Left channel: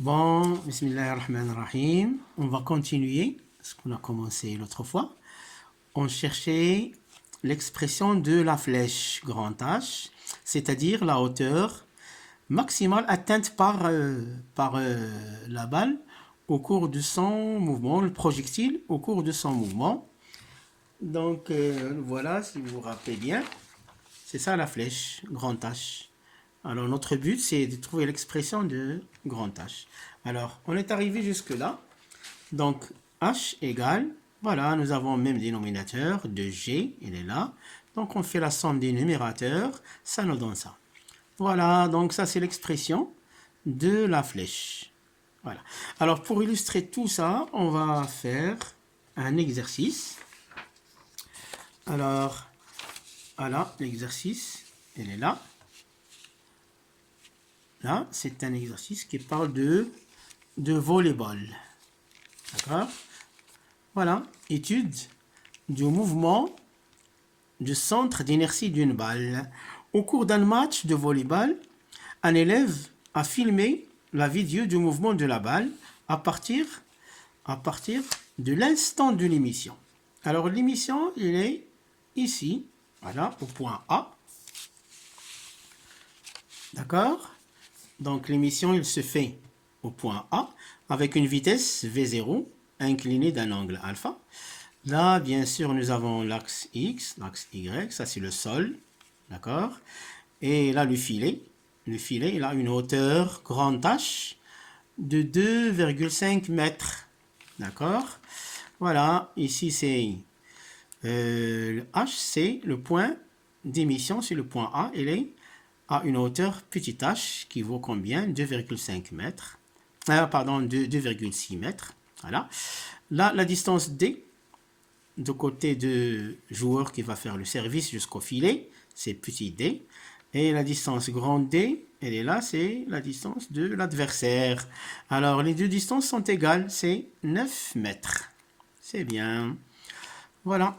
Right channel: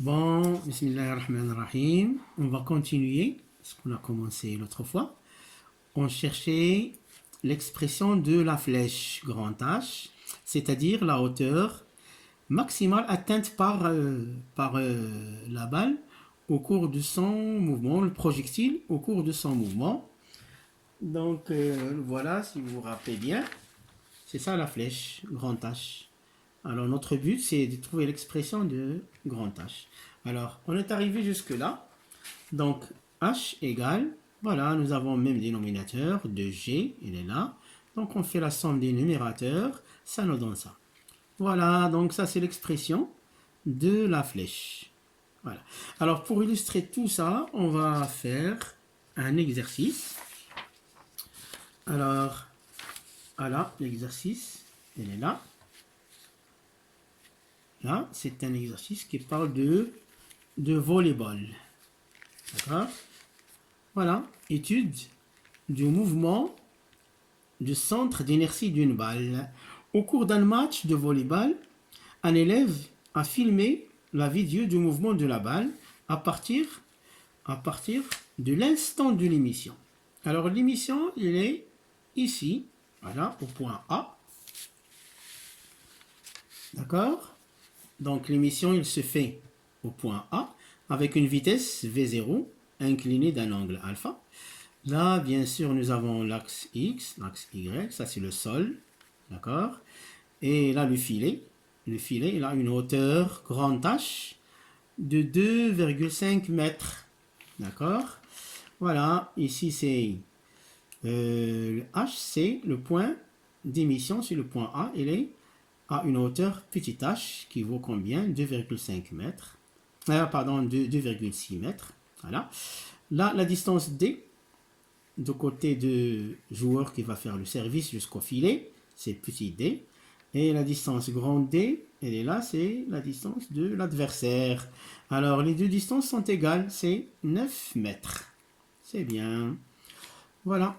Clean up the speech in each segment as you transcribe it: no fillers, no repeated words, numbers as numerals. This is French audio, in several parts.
Bon, Bismillahirrahmanirrahim. On va continuer ce qu'on a commencé l'autre fois. On cherchait l'expression de la flèche grand H, c'est-à-dire la hauteur maximale atteinte par la balle au cours de son mouvement, le projectile au cours de son mouvement. Donc voilà, si vous vous rappelez bien, c'est ça la flèche grand H. Alors notre but c'est de trouver l'expression de grand H. Alors on est arrivé jusque là. Donc H égale, voilà, nous avons le même dénominateur de G, il est là. Donc on fait la somme des numérateurs, ça nous donne ça. Voilà, donc ça c'est l'expression de la flèche. Voilà. Alors pour illustrer tout ça, on va faire un exercice. Alors, voilà, l'exercice, il est là. Là, c'est un exercice qui parle de volleyball. D'accord? Voilà, étude du mouvement du centre d'inertie d'une balle. Au cours d'un match de volleyball, un élève a filmé la vidéo du mouvement de la balle à partir de l'instant de l'émission. Alors l'émission, il est ici, voilà, au point A. D'accord? Donc l'émission, il se fait au point A avec une vitesse V0 inclinée d'un angle alpha. Là, bien sûr, nous avons l'axe X, l'axe Y, ça c'est le sol, d'accord? Et là, le filet, il a une hauteur grand H de 2,5 mètres, d'accord? Voilà, ici c'est H, c'est le point d'émission sur le point A, il est à une hauteur petit h qui vaut combien? 2,5 mètres. Pardon, 2,6 mètres. Voilà. Là, la distance D, du côté de joueur qui va faire le service jusqu'au filet, c'est petit d. Et la distance grand D, elle est là, c'est la distance de l'adversaire. Alors, les deux distances sont égales, c'est 9 mètres. C'est bien. Voilà.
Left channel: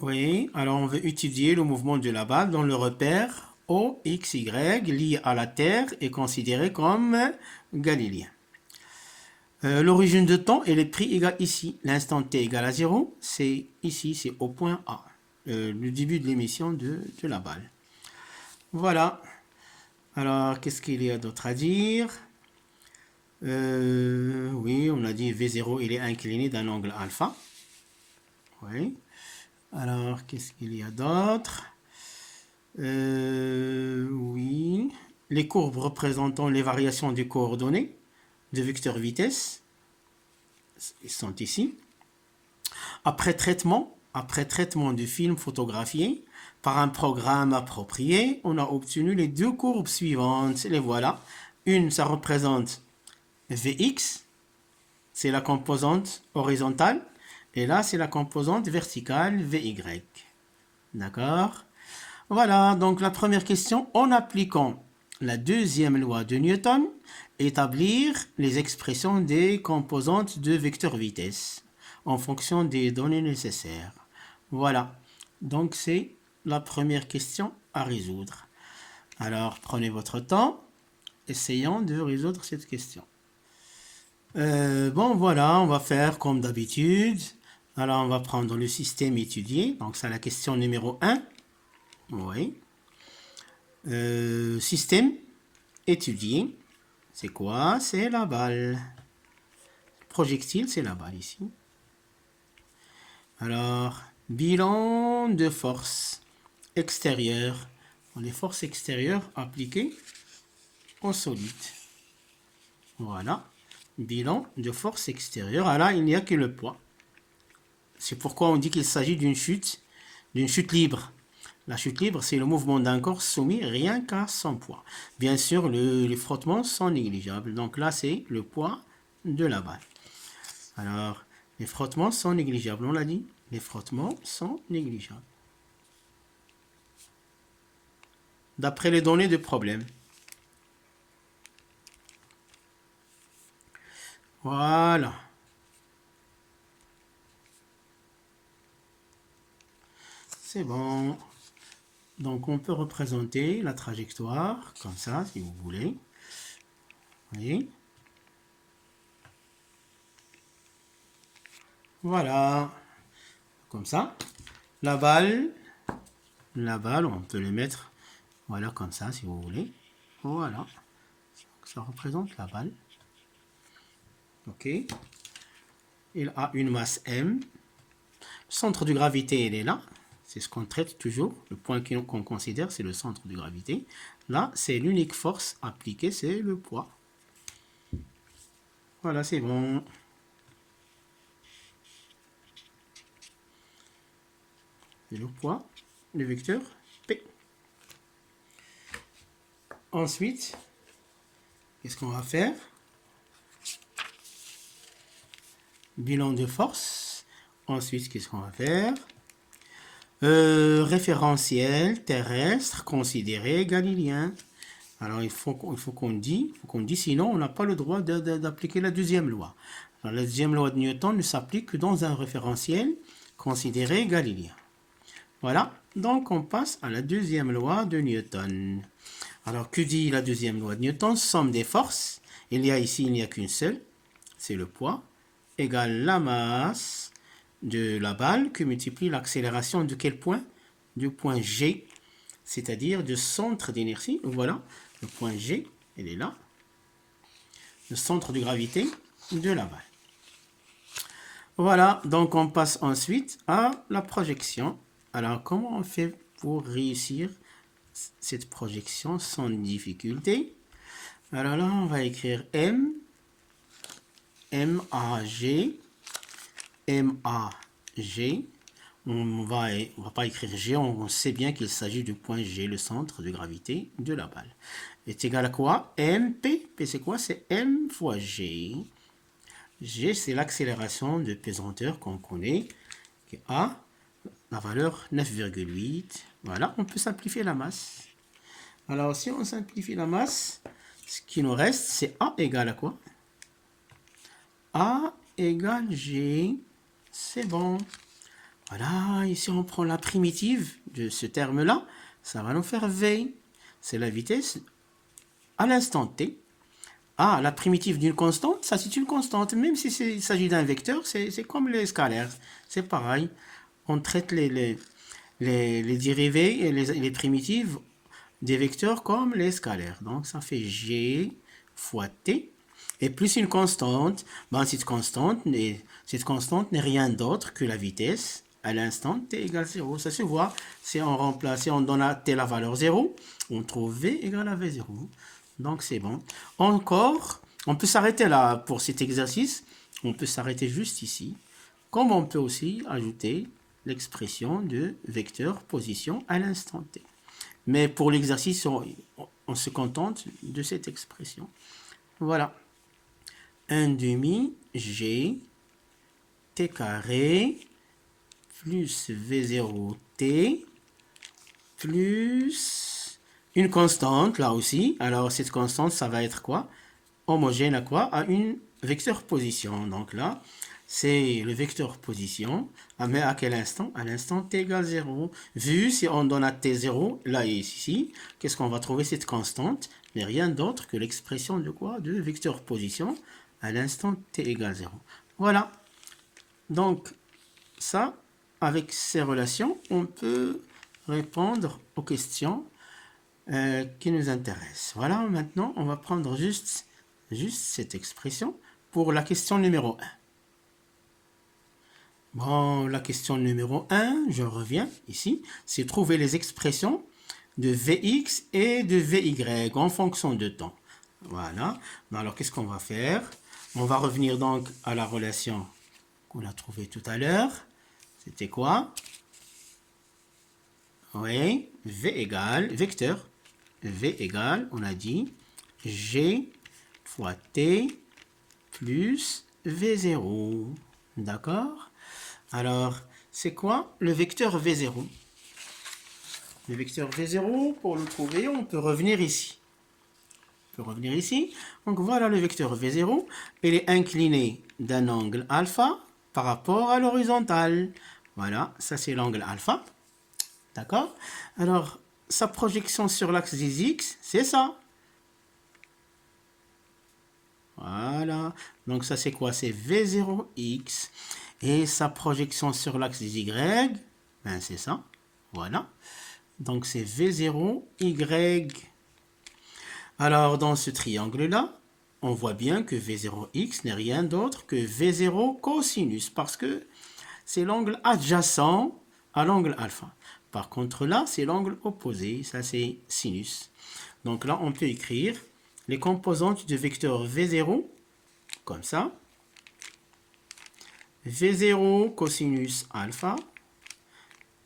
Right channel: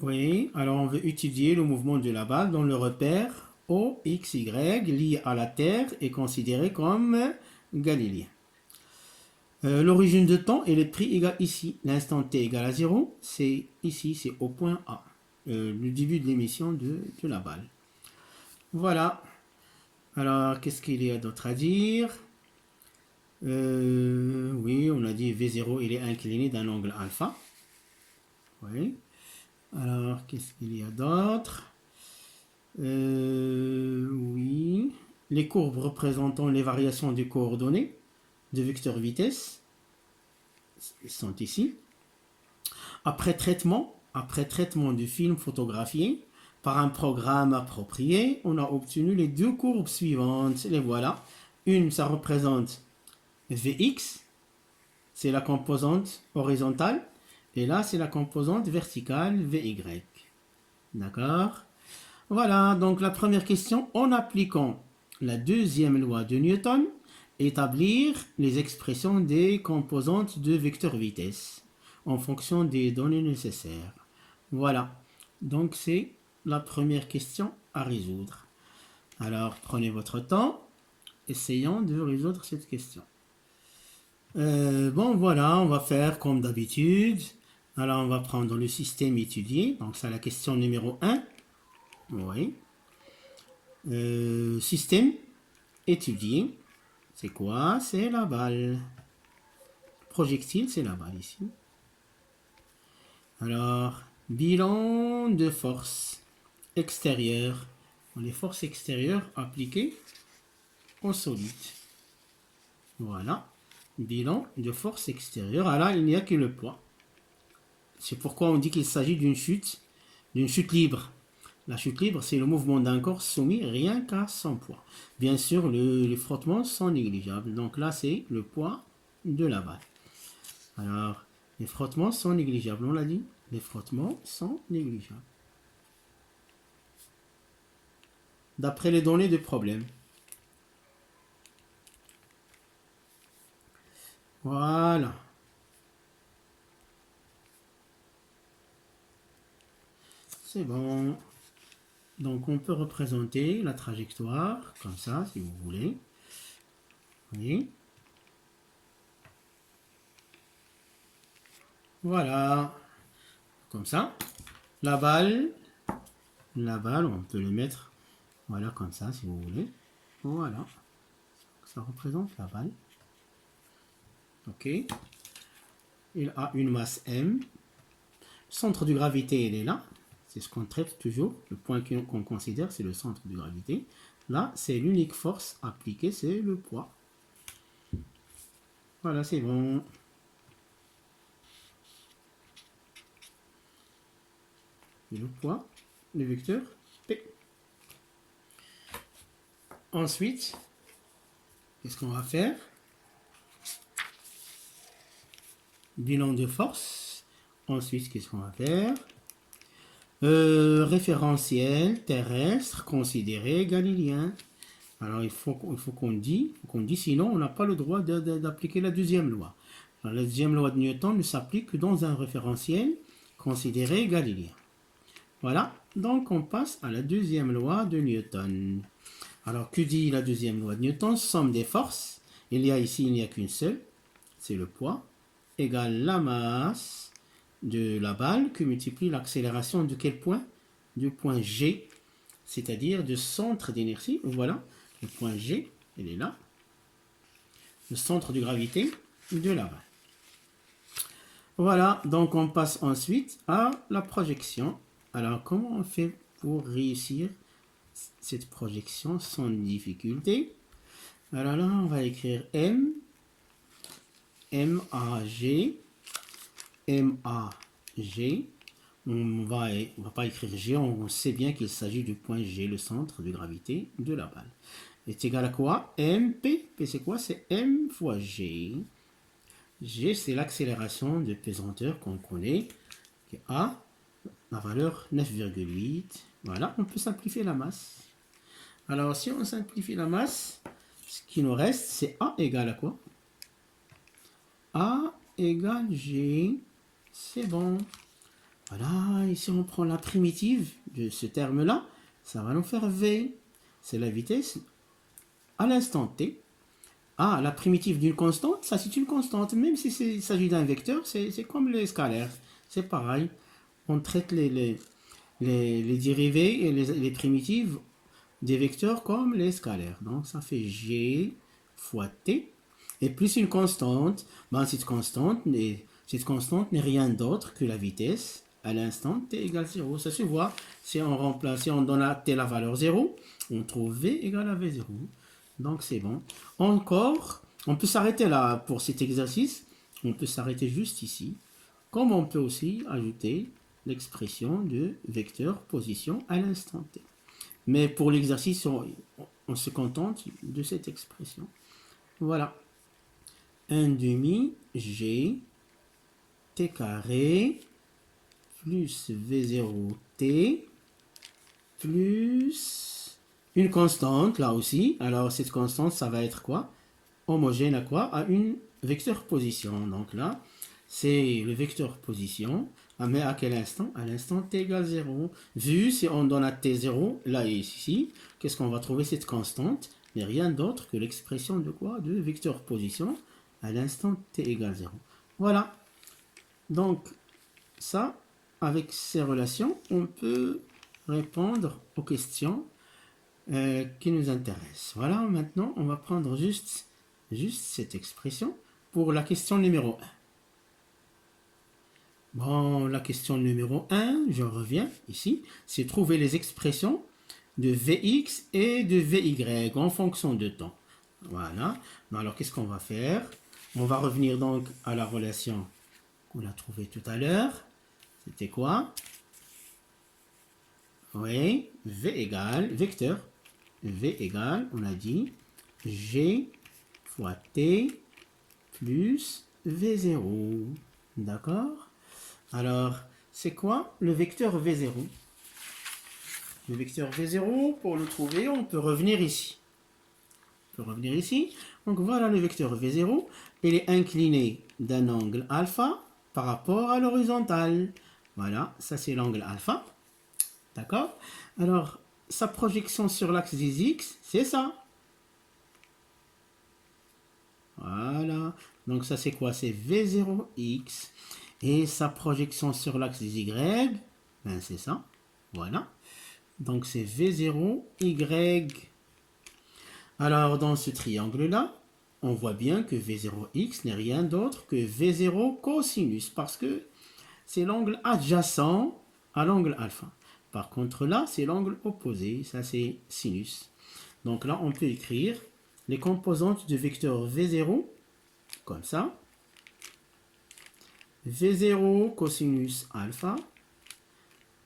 Oui, alors on veut étudier le mouvement de la balle dont le repère OXY lié à la Terre est considéré comme galiléen. L'origine de temps et le prix égale ici. L'instant t égale à 0, c'est ici, c'est au point A. Le début de l'émission de la balle. Voilà. Alors, qu'est-ce qu'il y a d'autre à dire? Oui, on a dit V0, il est incliné d'un angle alpha. Oui. Alors, qu'est-ce qu'il y a d'autre? Oui. Les courbes représentant les variations des coordonnées de vecteur vitesse sont ici. Après traitement du film photographié par un programme approprié, on a obtenu les deux courbes suivantes. Les voilà. Une, ça représente Vx, c'est la composante horizontale. Et là, c'est la composante verticale Vy. D'accord? Voilà, donc la première question, en appliquant la deuxième loi de Newton, établir les expressions des composantes de vecteur vitesse en fonction des données nécessaires. Voilà, donc c'est la première question à résoudre. Alors prenez votre temps, essayons de résoudre cette question. Bon voilà, on va faire comme d'habitude. Alors on va prendre le système étudié, donc c'est la question numéro 1. Oui. Système étudié, c'est quoi? C'est la balle. Projectile, c'est la balle ici. Alors, bilan de force extérieure. Les forces extérieures appliquées au solide. Voilà. Bilan de force extérieure. Ah là, il n'y a que le poids. C'est pourquoi on dit qu'il s'agit d'une chute libre. La chute libre, c'est le mouvement d'un corps soumis rien qu'à son poids. Bien sûr, les frottements sont négligeables. Donc là, c'est le poids de la balle. Alors, les frottements sont négligeables. On l'a dit, les frottements sont négligeables. D'après les données de problème. Voilà. C'est bon. Donc on peut représenter la trajectoire comme ça, si vous voulez. Oui. Voilà. Comme ça. La balle, on peut le mettre, voilà, comme ça, si vous voulez. Voilà. Ça représente la balle. OK. Il a une masse M. Le centre de gravité, il est là. C'est ce qu'on traite toujours. Le point qu'on considère, c'est le centre de gravité. Là, c'est l'unique force appliquée, c'est le poids. Voilà, c'est bon. C'est le poids, le vecteur P. Ensuite, qu'est-ce qu'on va faire? Bilan de force. Ensuite, qu'est-ce qu'on va faire? Référentiel terrestre considéré galiléen. Alors, il faut qu'on dise, sinon on n'a pas le droit d'appliquer la deuxième loi. Alors, la deuxième loi de Newton ne s'applique que dans un référentiel considéré galiléen. Voilà, donc on passe à la deuxième loi de Newton. Alors, que dit la deuxième loi de Newton? Somme des forces. Il n'y a qu'une seule, c'est le poids, égale la masse de la balle que multiplie l'accélération de quel point? Du point G, c'est-à-dire du centre d'inertie. Voilà, le point G, il est là. Le centre de gravité de la balle. Voilà, donc on passe ensuite à la projection. Alors, comment on fait pour réussir cette projection sans difficulté? Alors là, on va écrire M, MAG, MAG. On va pas écrire G, on sait bien qu'il s'agit du point G, le centre de gravité de la balle. Est égal à quoi? MP. P c'est quoi? C'est M fois G. G, c'est l'accélération de pesanteur qu'on connaît, qui a la valeur 9,8. Voilà, on peut simplifier la masse. Alors, si on simplifie la masse, ce qui nous reste, c'est A égale à quoi? A égale G. C'est bon. Voilà, ici on prend la primitive de ce terme-là. Ça va nous faire V. C'est la vitesse à l'instant T. Ah, la primitive d'une constante, ça c'est une constante. Même si il s'agit d'un vecteur, c'est comme les scalaires. C'est pareil. On traite les dérivés et les primitives des vecteurs comme les scalaires. Donc ça fait G fois T. Et plus une constante, ben, cette constante n'est rien d'autre que la vitesse à l'instant t égale 0. Ça se voit, si on remplace, si on donne à t la valeur 0, on trouve v égale à v0. Donc c'est bon. Encore, on peut s'arrêter là pour cet exercice. On peut s'arrêter juste ici. Comme on peut aussi ajouter l'expression de vecteur position à l'instant t. Mais pour l'exercice, on se contente de cette expression. Voilà. 1 demi G T carré plus V0T plus une constante là aussi. Alors cette constante, ça va être quoi? Homogène à quoi? À une vecteur position. Donc là, c'est le vecteur position. Mais à quel instant? À l'instant t égale 0. Vu si on donne à t 0, là et ici, qu'est-ce qu'on va trouver? Cette constante, mais rien d'autre que l'expression de quoi? De vecteur position à l'instant t égale 0. Voilà. Donc, ça, avec ces relations, on peut répondre aux questions qui nous intéressent. Voilà, maintenant, on va prendre juste cette expression pour la question numéro 1. Bon, la question numéro 1, je reviens ici, c'est trouver les expressions de Vx et de Vy en fonction de temps. Voilà. Alors, qu'est-ce qu'on va faire? On va revenir donc à la relation qu'on a trouvée tout à l'heure. C'était quoi? Oui, V égale, vecteur. V égale, on a dit, G fois T plus V0. D'accord? Alors, c'est quoi le vecteur V0? Le vecteur V0, pour le trouver, on peut revenir ici. Donc voilà le vecteur V0. Il est incliné d'un angle alpha par rapport à l'horizontale. Voilà, ça c'est l'angle alpha. D'accord? Alors, sa projection sur l'axe des X, c'est ça. Voilà. Donc ça c'est quoi? C'est V0X. Et sa projection sur l'axe des Y, ben c'est ça. Voilà. Donc c'est V0Y. Alors dans ce triangle-là, on voit bien que V0X n'est rien d'autre que V0 cosinus. Parce que c'est l'angle adjacent à l'angle alpha. Par contre là, c'est l'angle opposé. Ça c'est sinus. Donc là, on peut écrire les composantes du vecteur V0 comme ça. V0 cosinus alpha,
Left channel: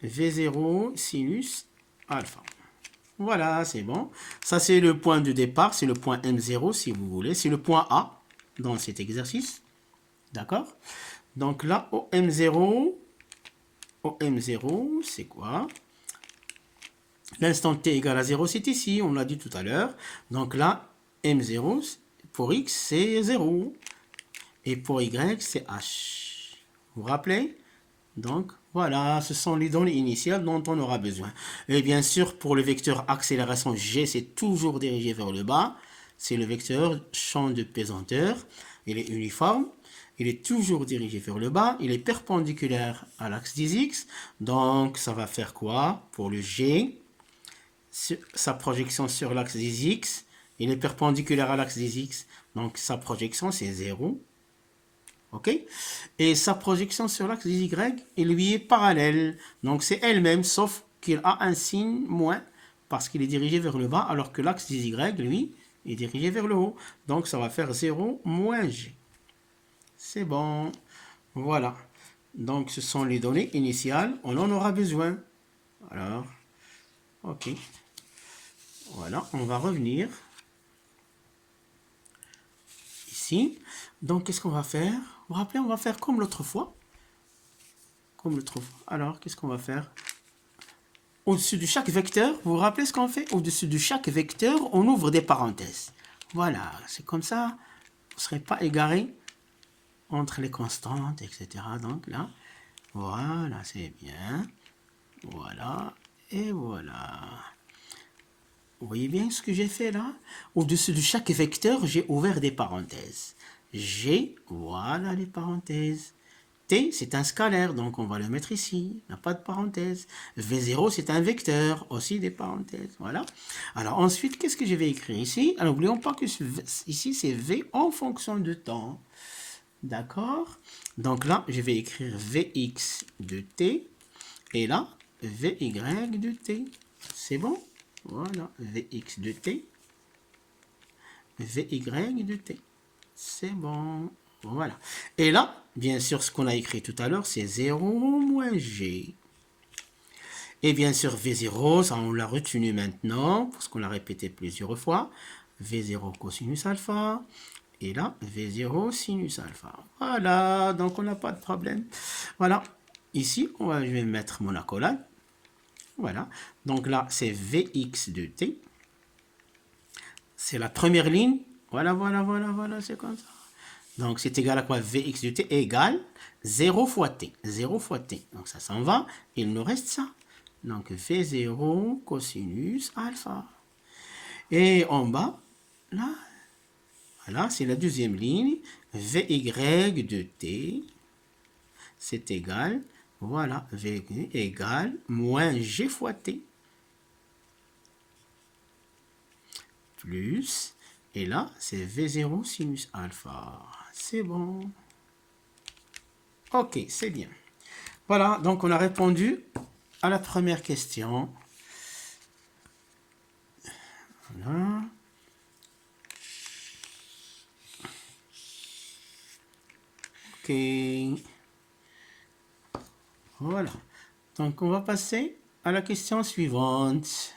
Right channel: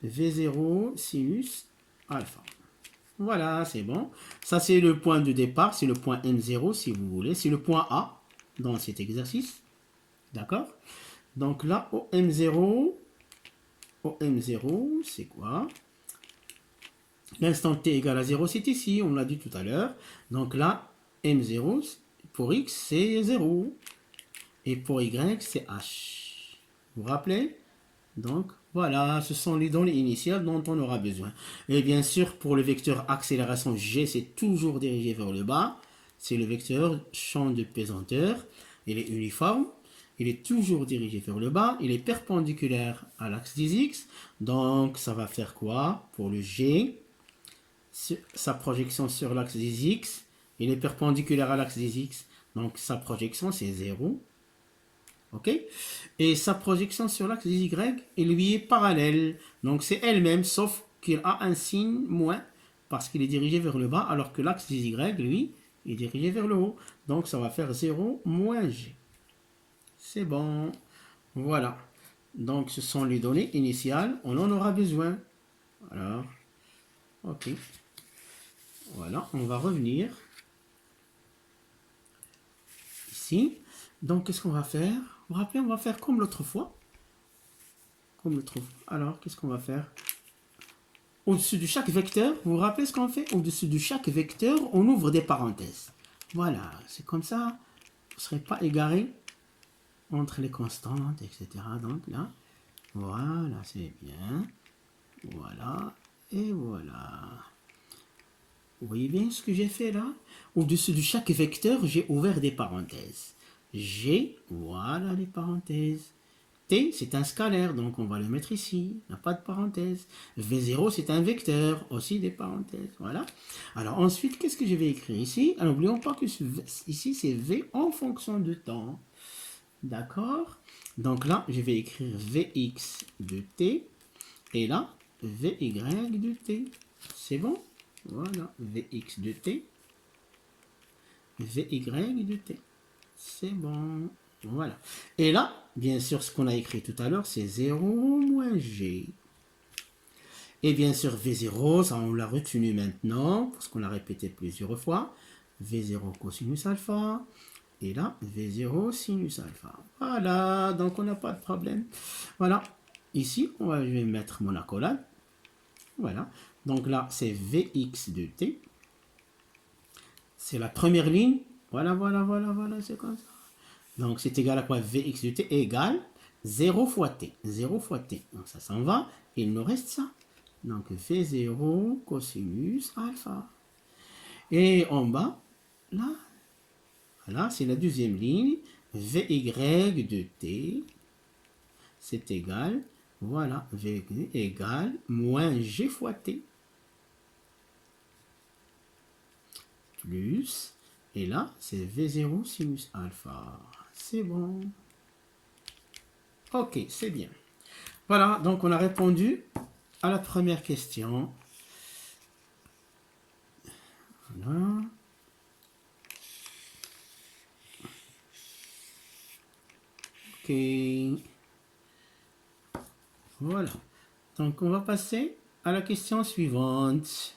V0 sinus alpha. Voilà, c'est bon. Ça, c'est le point de départ, c'est le point M0 si vous voulez. C'est le point A dans cet exercice. D'accord? Donc là, au M0, c'est quoi? L'instant t égale à 0, c'est ici, on l'a dit tout à l'heure. Donc là, M0, pour x, c'est 0. Et pour y, c'est h. Vous vous rappelez? Donc, voilà, ce sont les données initiales dont on aura besoin. Et bien sûr, pour le vecteur accélération g, c'est toujours dirigé vers le bas. C'est le vecteur champ de pesanteur. Il est uniforme. Il est toujours dirigé vers le bas. Il est perpendiculaire à l'axe des x. Donc, ça va faire quoi? Pour le g, sa projection sur l'axe des x, il est perpendiculaire à l'axe des x. Donc, sa projection, c'est 0. Ok? Et sa projection sur l'axe des Y, elle lui est parallèle. Donc c'est elle-même, sauf qu'il a un signe moins, parce qu'il est dirigé vers le bas, alors que l'axe des Y, lui, est dirigé vers le haut. Donc ça va faire 0 moins G. C'est bon. Voilà. Donc ce sont les données initiales. On en aura besoin. Alors, ok. Voilà, on va revenir ici. Donc qu'est-ce qu'on va faire? Vous vous rappelez, on va faire comme l'autre fois. Alors, qu'est-ce qu'on va faire? Au-dessus de chaque vecteur, vous vous rappelez ce qu'on fait? Au-dessus de chaque vecteur, on ouvre des parenthèses. Voilà, c'est comme ça, vous ne serez pas égaré entre les constantes, etc. Donc là, voilà, c'est bien. Voilà, et voilà. Vous voyez bien ce que j'ai fait là? Au-dessus de chaque vecteur, j'ai ouvert des parenthèses. Voilà les parenthèses. T, c'est un scalaire, donc on va le mettre ici, il n'y a pas de parenthèse. V0, c'est un vecteur, aussi des parenthèses, voilà. Alors ensuite, qu'est-ce que je vais écrire ici? Alors n'oublions pas que ici, c'est V en fonction de temps. D'accord? Donc là, je vais écrire Vx de t, et là, Vy de t. C'est bon? Voilà, Vx de t, Vy de t. C'est bon. Voilà. Et là, bien sûr, ce qu'on a écrit tout à l'heure, c'est 0 moins g. Et bien sûr, V0, ça on l'a retenu maintenant, parce qu'on l'a répété plusieurs fois. V0 cosinus alpha. Et là, V0 sinus alpha. Voilà, donc on n'a pas de problème. Voilà. Ici, je vais mettre mon accolade. Voilà. Donc là, c'est Vx de t. C'est la première ligne. Voilà, c'est comme ça. Donc, c'est égal à quoi? Vx de t égale 0 fois t. 0 fois t. Donc, ça s'en va. Il nous reste ça. Donc, V0 cosinus alpha. Et en bas, là, voilà, c'est la deuxième ligne. Vy de t, c'est égal, voilà, Vy égale moins g fois t. Plus, et là, c'est V0 sinus alpha. C'est bon. Ok, c'est bien. Voilà, donc on a répondu à la première question. Voilà. Ok. Voilà. Donc on va passer à la question suivante.